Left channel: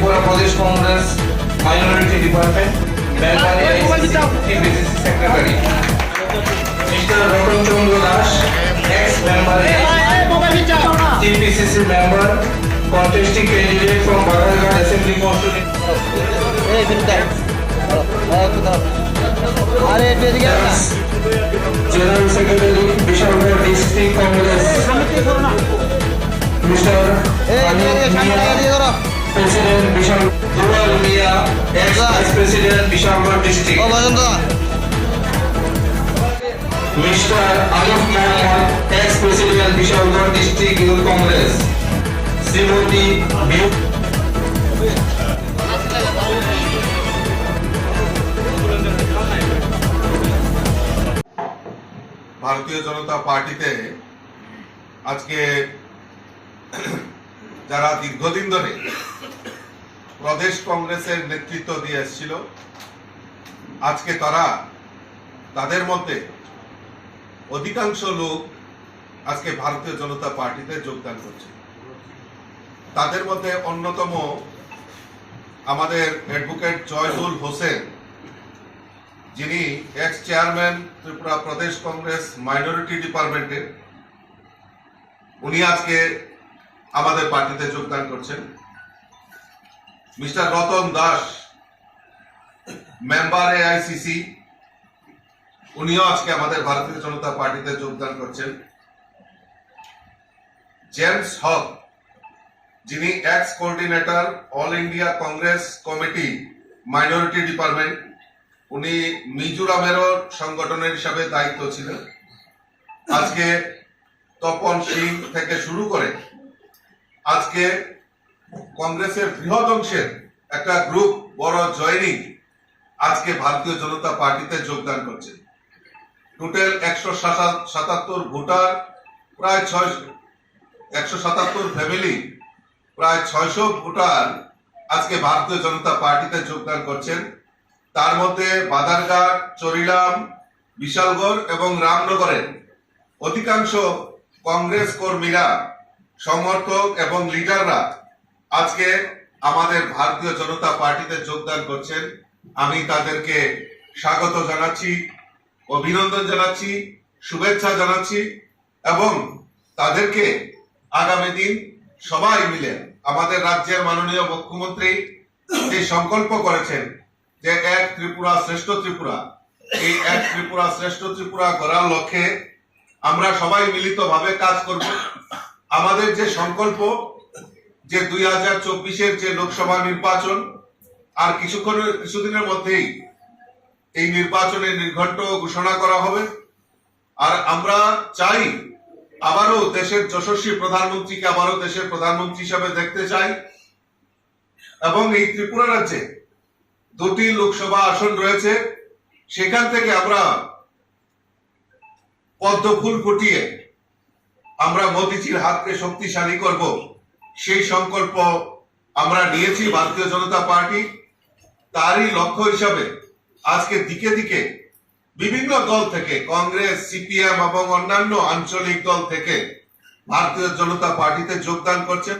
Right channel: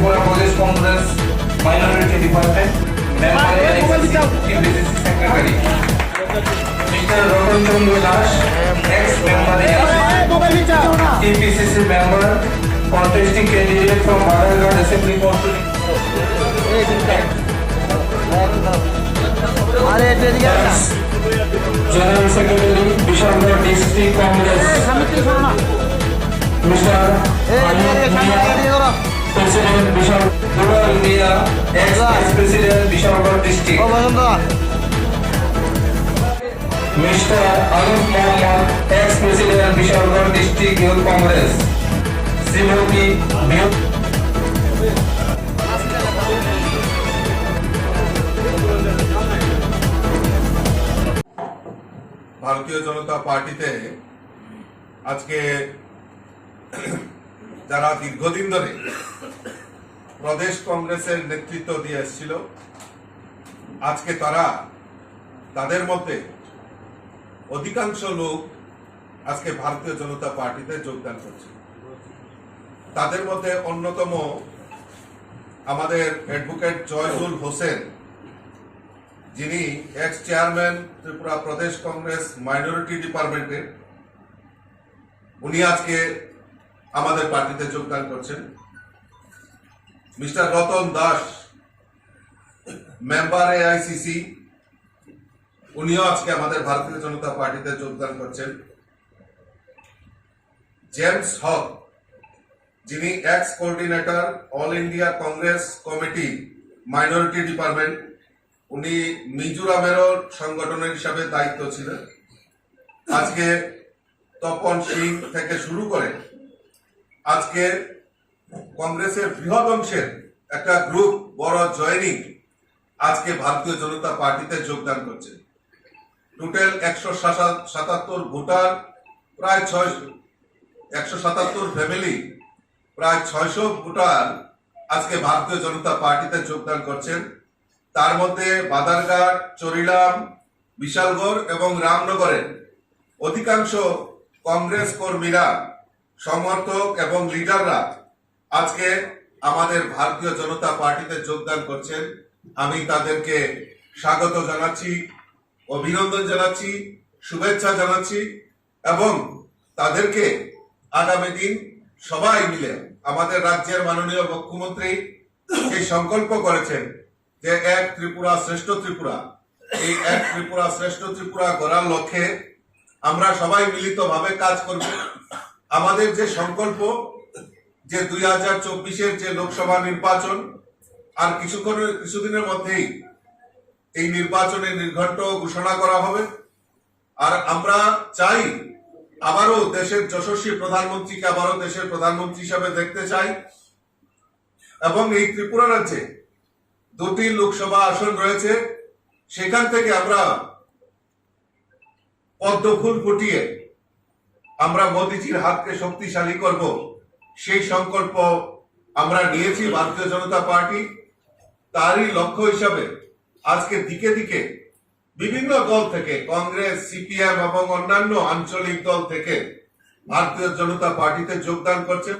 for a Pradesh Congress Minority Department, Bengal Executive Secretary. Mr. Ratan Chandra Das, ex-member TPCC member, contesting candidate from Baragar Assembly Constituency. আরে এটা দিকে না general secretary Bishalgarh district Congress mister এই দিকে সামনে দিকে ধরো ও বসন্ত. Srimati Biu- ভারতীয় জনতা পার্টিতে আজকে যারা দীর্ঘদিন ধরে প্রদেশ কংগ্রেসের নেতৃত্ব দিয়ে এসেছিল আজকে তারা তাদের মধ্যে অধিকাংশ লোক আজকে ভারতীয় জনতা পার্টিতে যোগদান করছে। তাদের মধ্যে অন্যতম আমাদের অ্যাডভোকেট জয়দুল হোসেন, যিনি ex chairman Tripura Pradesh Congress minority ডিপার্টমেন্টের উনি আজকে আমাদের পার্টিতে যোগদান করছেন। Mister Ratan Das member AICC উনিও আজকে আমাদের ভারতীয় জনতা পার্টিতে যোগদান করছেন। জেমস হক, যিনি ex coordinator all India Congress committee minority department উনি মিজোরামেরও সংগঠনের হিসাবে দায়িত্ব ছিলেন। আজকে তপন সিং থেকে শুরু করে আজকে কংগ্রেসের বৃহৎ অংশের একটা গ্রুপ বড় জয়নিং আজকে ভারতীয় জনতা পার্টিতে যোগদান করছে। টোটাল একশো সাতাত্তর ভোটার, প্রায় ছয় একশো সাতাত্তর ফ্যামিলি, প্রায় ছয়শো ভোটার আজকে ভারতীয় জনতা পার্টিতে যোগদান করছেন। তার মধ্যে বাদারঘাট, চরিলাম, বিশালগড় এবং রামনগরের অধিকাংশ কংগ্রেস কর্মীরা, সমর্থক এবং লিডাররা আজকে আমাদের ভারতীয় জনতা পার্টিতে যোগদান করছেন। আমি তাদেরকে স্বাগত জানাচ্ছি, অভিনন্দন জানাচ্ছি, শুভেচ্ছা জানাচ্ছি এবং তাদেরকে আগামী দিন সবাই মিলে আমাদের রাজ্যের মাননীয় মুখ্যমন্ত্রী যে সংকল্প করেছেন যে এক ত্রিপুরা শ্রেষ্ঠ ত্রিপুরা, এই এক ত্রিপুরা শ্রেষ্ঠ ত্রিপুরা করার লক্ষ্যে আমরা সবাই মিলিতভাবে কাজ করব। আমাদের যে সংকল্প, যে দুই হাজার চব্বিশের যে লোকসভা নির্বাচন আর কিছুক্ষণের কিছুদিনের মধ্যেই এই নির্বাচনের নির্ঘণ্ট ঘোষণা করা হবে। আর আমরা চাই আবারও দেশের যশস্বী প্রধানমন্ত্রীকে আবারও দেশের প্রধানমন্ত্রী হিসাবে দেখতে চাই। এবং এই ত্রিপুরা রাজ্যে দুটি লোকসভা আসন রয়েছে। সেখান থেকে আমরা পদ্ম ফুল ফুটিয়ে আমরা মোদিজির হাতকে শক্তিশালী করব। সেই সংকল্প আমরা নিয়েছি ভারতীয় জনতা পার্টি। তারই লক্ষ্য হিসাবে আজকে দিকে দিকে বিভিন্ন দল থেকে, কংগ্রেস, সিপিএম এবং অন্যান্য আঞ্চলিক দল থেকে ভারতীয় জনতা পার্টিতে যোগদান করছেন।